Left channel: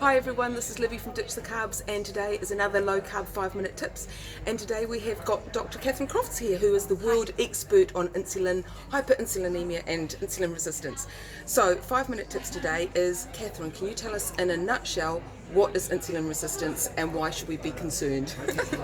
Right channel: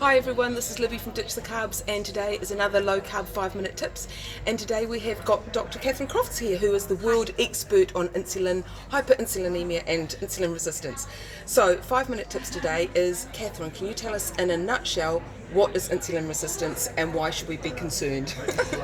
Hi everyone, this is Libby from Ditch the Carbs, and today is another low carb 5-minute tips. And today we have got Dr. Catherine Crofts here, who is the world expert on insulin, hyperinsulinemia and insulin resistance. So 5-minute tips today is, Catherine, can you tell us in a nutshell what is insulin resistance and why should we be concerned?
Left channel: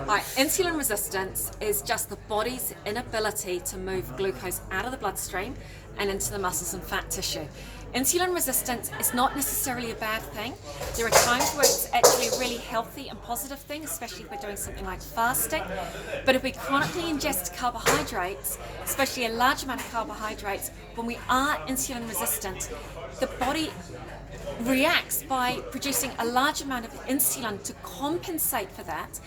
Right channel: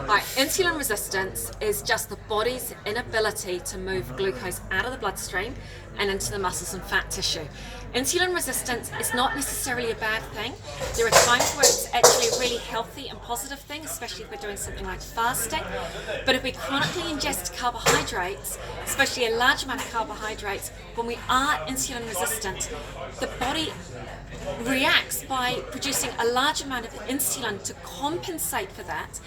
Right, insulin resistance is just the body's inability to move glucose out of the bloodstream and into the muscles and fat tissue. Insulin resistance is not necessarily a bad thing. There are times where it's actually a really healthy and positive thing, especially if we're doing something like fasting. But if we chronically ingest carbohydrates, especially a large amount of carbohydrates, when we are insulin resistant, the body reacts by producing a large amount of insulin to compensate for that.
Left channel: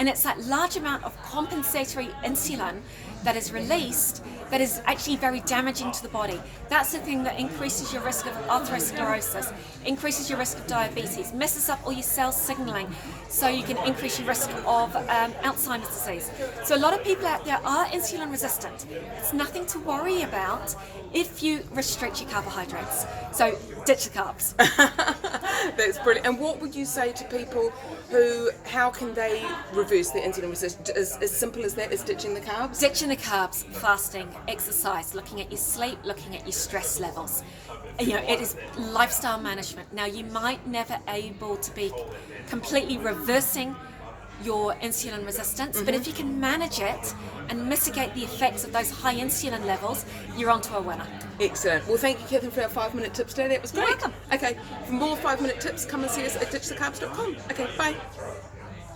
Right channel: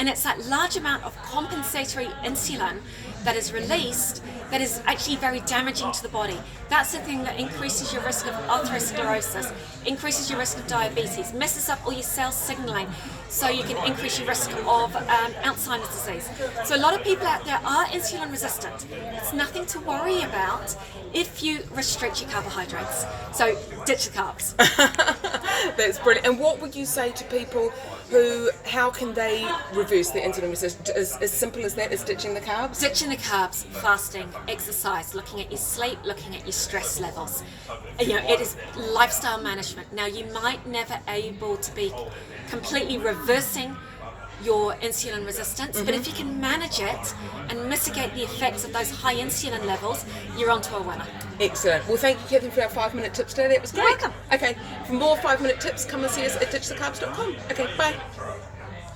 And it's that large amount of compensatory insulin that is released that is actually very damaging to the body. That's the thing that increases your risk of atherosclerosis, increases your risk of diabetes, messes up all your cell signaling, so you can increase your risk of Alzheimer's disease. So a lot of people out there are insulin resistant. It's nothing to worry about if you restrict your carbohydrates. So ditch the carbs. That's brilliant. And what would you say to people who, how can they reverse their insulin resistance? As simple as that, is ditching the carbs? Ditching the carbs, fasting, exercise, looking at your sleep, looking at your stress levels. You know, it is lifestyle management. Now, you might never able to be completely reversing your insulin resistance, but if you can manage it and mitigate the effects of those high insulin levels, you're onto a winner. Excellent. Well, thank you, Catherine, for our 5-minute tips today. That was great. You're welcome. Okay, for more 5-minute tips, come and see us at ditchthecarbs.com. Okay, bye.